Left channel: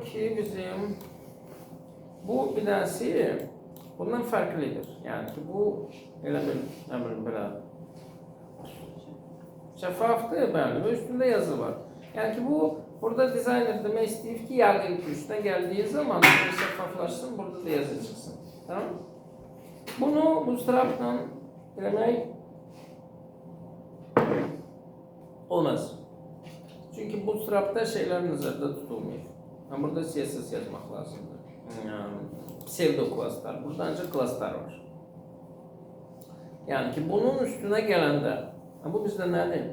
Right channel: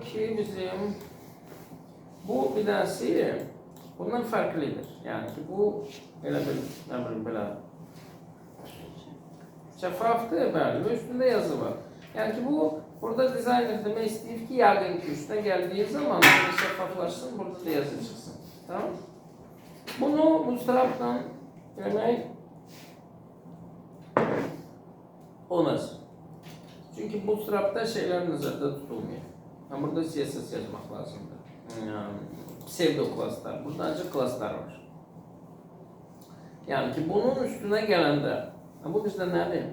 ki bizim bu bilansı bundan farklıdır. Yani ki bu böyle şeffaftı belli üstünde yazı var. Yani ki bu burada designer demek istiyor ki yargı üstüne geldiği zaman şeffaflaşsın burada da yazı çıksın. Tamam? Bunu bu taraftan örnek olmaz. Çünkü bu tarafta şeyler nazarda tutulmuyor. Yani burada CSS yazmak lazımdır. Pseudo klaslar. Burada ancak klaslar var. Yani ki bunun üstüne gelende, bu bizde nedir?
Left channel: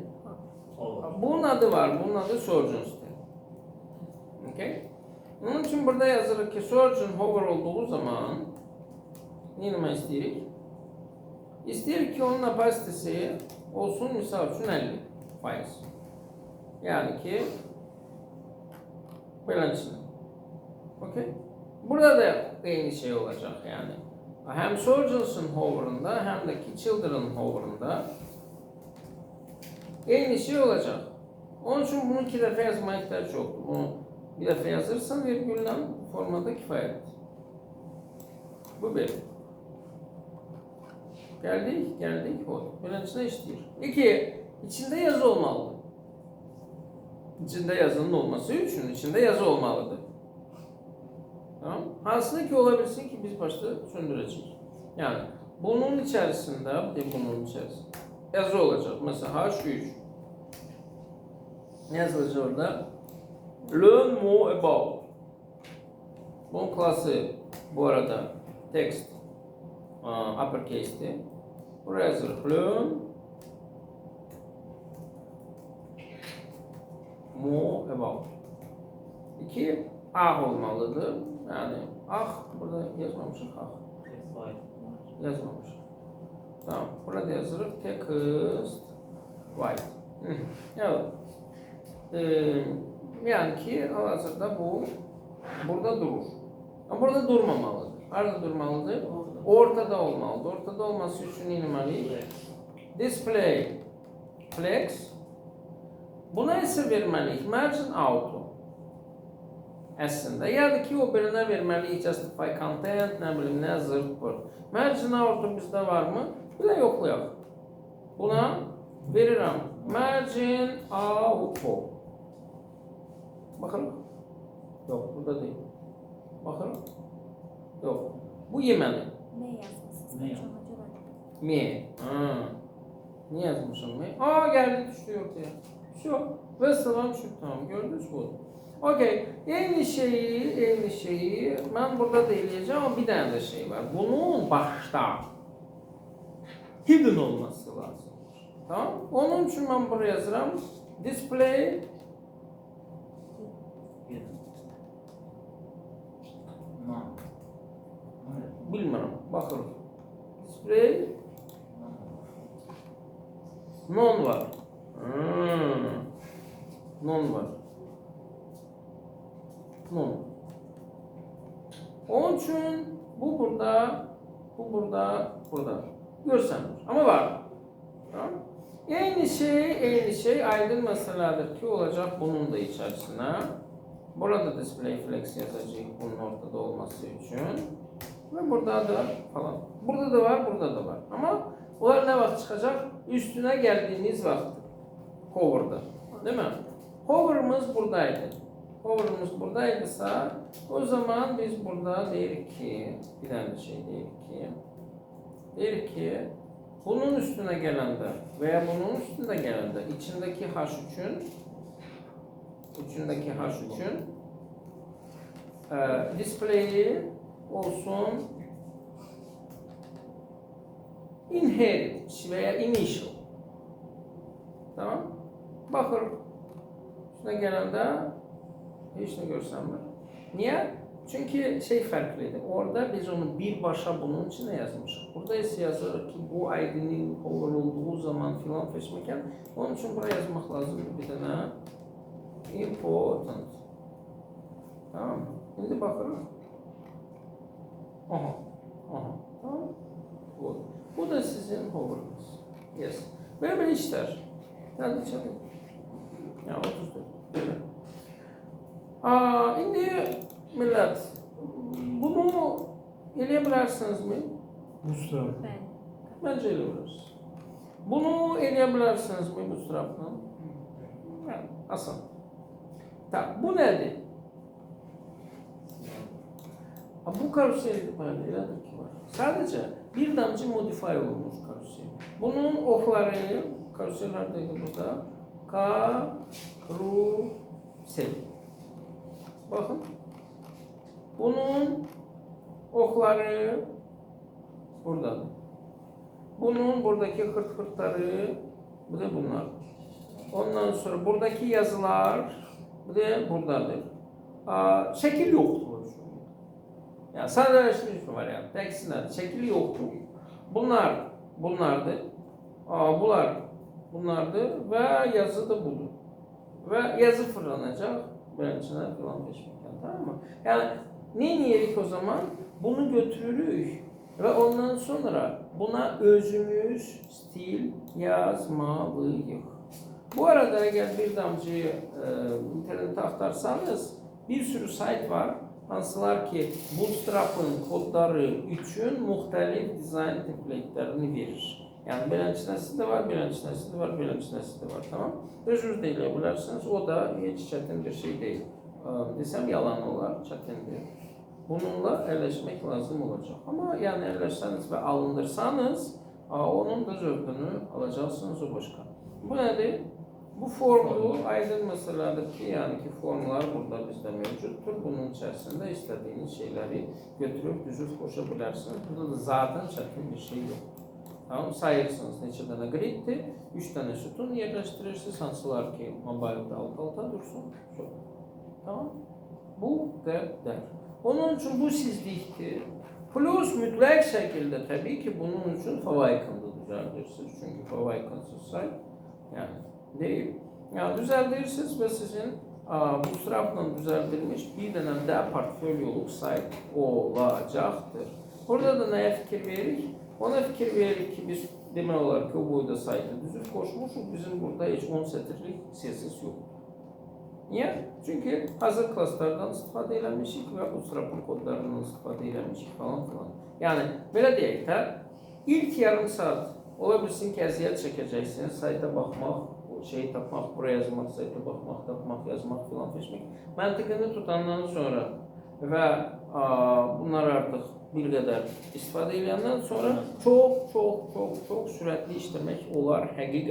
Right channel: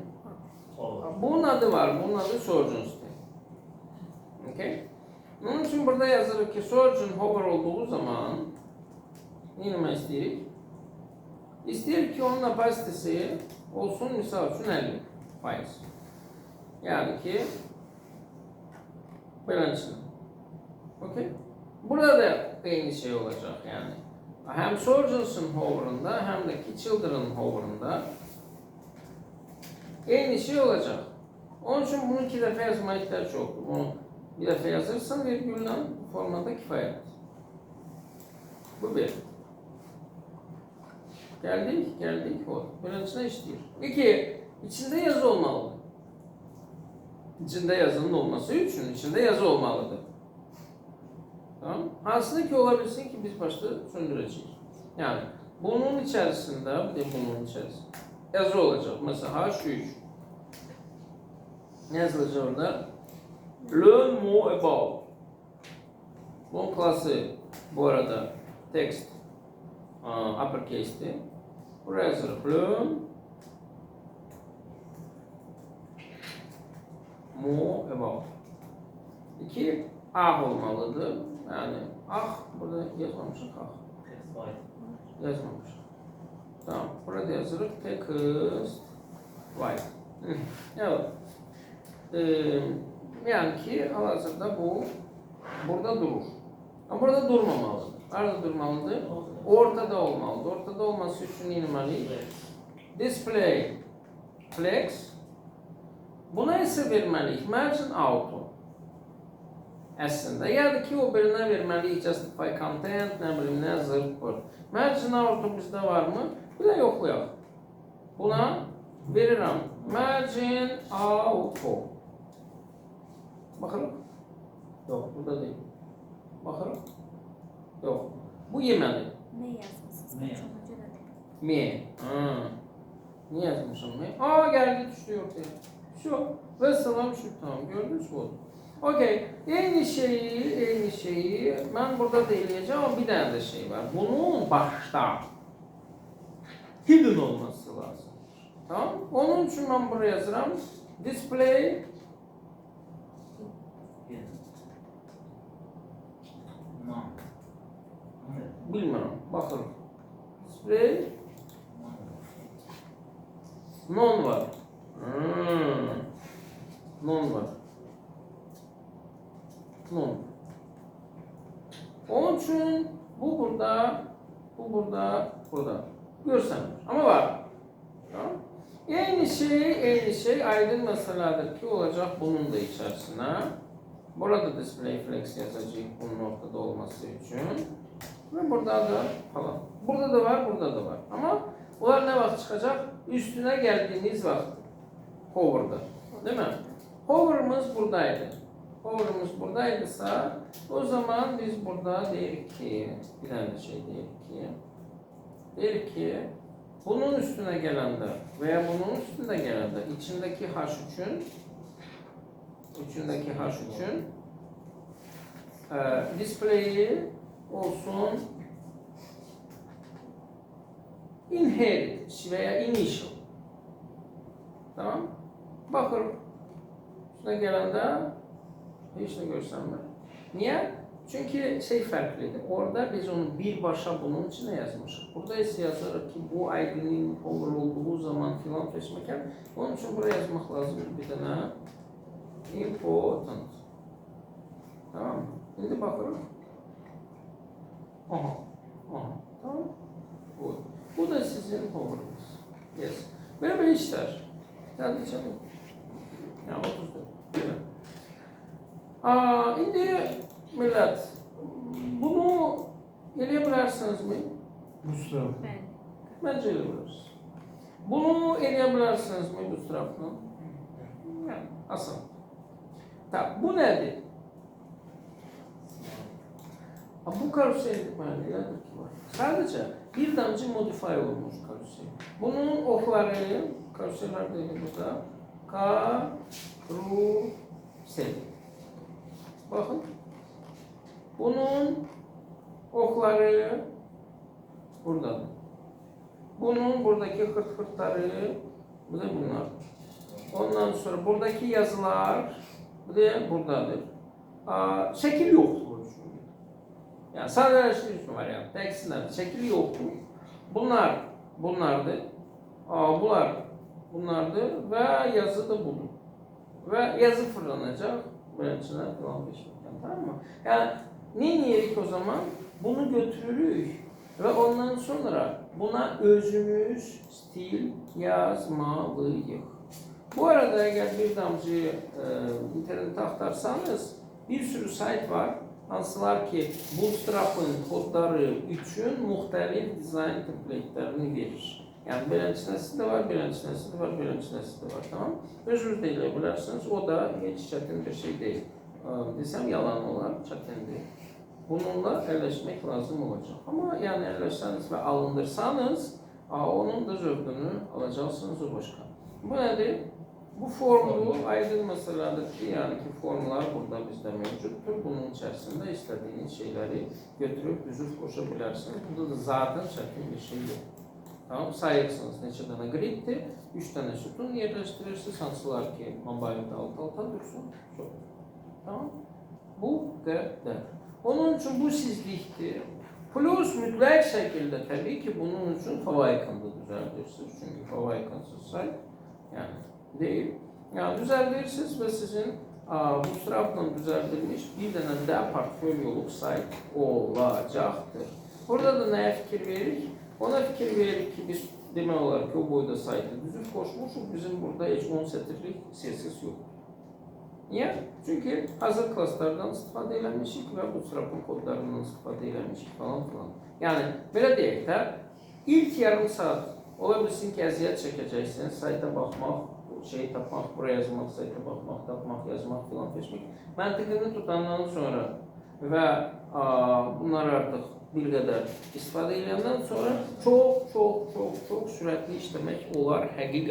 Bunun adı var. Bunun adı Surgeons'tı. Okay? Onun için burada yazılır ki Surgeon hover olduğu zaman yine istedik. İstedik ki onun kapasitesi olsun misal için 50 faiz. Yani ki balansın. Okay? Burada da aynı şey olacak yani. Hem Surgeons'ın hover'ında hem de ki Children'ın hover'ında aynı şey olacak. Onun için bunu iki defa yazmaya ihtiyaç yok. Bunu bir defa yazırsan virgülle formada kifayet. Bu bir. Geldik o. Birincisine işliyor. İki, içinde yazı olmalı. İçinde yazının olması için içinde yazı olmalıdır. Tamam? Aslında ki olabilsin ki biz başta söndüreceğiz. Yani bunun içerisinde yazı olacak. Mesela H3 ne yazılacak orada? Le mot about. Bunun klası bu arada text uppercase'ti. Buraya yazılır. Le mot about. 2 olmalıdır. Yani burada yazmamışım yazmamışım. Tamam, burada yazılır text white. Evet. Yani ki hazırda bu burada durur. Ama burada durmamalıdır. Nerede durmalıdır? Ortada olmalıdır. Ortada olması için inmeli. Display flex. Buna ise vermeliyiz. Margin auto. Aslında ya da ki o birine vermeliyiz. Justify content, ne bileyim ne zırt bu. Margin auto bizde var mı? Buna yoklayalım. Buna veririm. Margin auto. Bakalım. Yok, burada değil. Bakalım. Yok. Bu yemeli. Ne yazmışsınız? Me. Niye yazmışım me? Geldi düştü ortaya. Şu. Ve salam şu. Tamam gördünüz mü? Okey. Aynı şeyi ben burada değineceğim ama bir tane de şey var. Bunun başta hidden olması lazım. Tamam? Onun için ben buraya yazarım. Display bilmiyorum. Bakalım. Display non var. Non var. Non. Onun için bu burada görsem ama var. Tamam? Aynı şey aydın meseledir ki olacak bunun da içerisine. Burada display flex yazacak bunun ortada olması için. Ve burada da falan. Burada da var. Ama onlar ne vakit çıkacak? Üstüne geldiğiniz vakit. Hover'da. Değil mi? Hover'ımız buradaydı. Hover'ımız buradaysa o zaman biz burada dedik ki bir tane şey dedik ki bunun üstüne gelende veya bunun üstünde gelende içindeki H3'ün display'i olsun inherit veya initial. Tamam? Bakın üstüne gelende hiç ne görsem mi? Niye? Çünkü şey farklıydı. Orada biz onu bir başa bunun içine yazmışız. Burada ise yazar ki bu ID'nin olduğu zaman filan kesmeken. Onun için buraya yazmak lazım bir tane important. Tamam. Şimdi bakalım. Tamam. Bu da sizin hover'ınız. Yes. Böyle işler. Sen de 34. Şimdi Millət, bunu eləyə bilərsinizmi? Bootstrap. Bəli. Məncə elə bilərsiniz. Bunu eləyə bilərsinizmi bootstrapla? Yəni, asan. Bu nədir? Bu karusel elədir ki var. Sadəcə bir damcı modify olmuş karusel. Bunun oxları, karuseller deyil burada. Karusel. Bakın. Bunun oxları buradadır. Bunun buradaki hırt-hırtları bu da bunlar. Ondan sonra buradaki yazılar bu da buradadır. Şekil yoktur. Yani sadeleşmiş var yani. Teksiller, şekil yoktur. Bunlardır. Bunlardır ve yazı da budur. Ve yazı fırlanacak. Böyle içine falan geçmekten, tamam mı? Yani ne niyelik o zaman? Bunu götürürük ve ondan sonra buna özümüz stil yazmalıyıq. Bu arada eğer bir damcı internette aktarsanız bir sürü sayt var. Hansılar ki Bootstrap'ın kodları üçün müxtəlif dizayn template'lerini verir. Yani beləncəsi də var, beləncəsi də var, beləncəsi də var, tamam? Özünüz də elə bilərsiniz, o da heç çətin bir şey deyil. Desəm yalan olar, çətindir. Bununla əlləşmək lazım olacaq. Amma yəni əlləşsəniz və alındırsanız, onun da zövqünü alacaqsınız o başqa. Bu nədir? Bu formulu aydın məsələdir ki, yəni ki formlar burada bizdə mövcuddur. Bunun içərisində istədiyiniz şeyləri götürüb düzüb qoşa bilərsiniz. Burada da zaten çətin bir şey yox. Tamam, sayırsınız neçə dənə griddir, 3 dənə sütun yerləşdirirsiniz, hansılar ki mobildə alt-alta dursun. Çox. Tamam. Bu qədər. Onun üçün bu sizlikdir. Plus mütləq şəkildə təbii ki bunun üçün favorikanı düzəldirsiniz. Çünki favorikanısız sayt yəni değil. Yani düzeltirsiniz ve sizin Bootstrap'la düzeltilmiş bir dənə də portfolyoluk sayt olacaktır. Burada da neye fikir veririk? Ona fikir veririk ki biz demək olar ki o boyda saytı düzüb koşmuşuq. Bizim burada heç 10 sətirlik CSS yok. Niye? Çünkü hazır klaslardan istifadə eləmişik və Bootstrap'ın kodlarından istifadə eləmişik falan filan. Yani belə deyək də ilk yarım saat ola bilsin ki əziyyət çəkəcəksiniz, sayta baxmaq, şey tapmaq, buraya yazmaq, sayta baxmaq, tapmaq, yazmaq filan seçmək. Məntiqini tutandan sonra və bunlar artıq bir qədər istifadə edəndən sonra çox sürətli işləmək olar həqiqətən.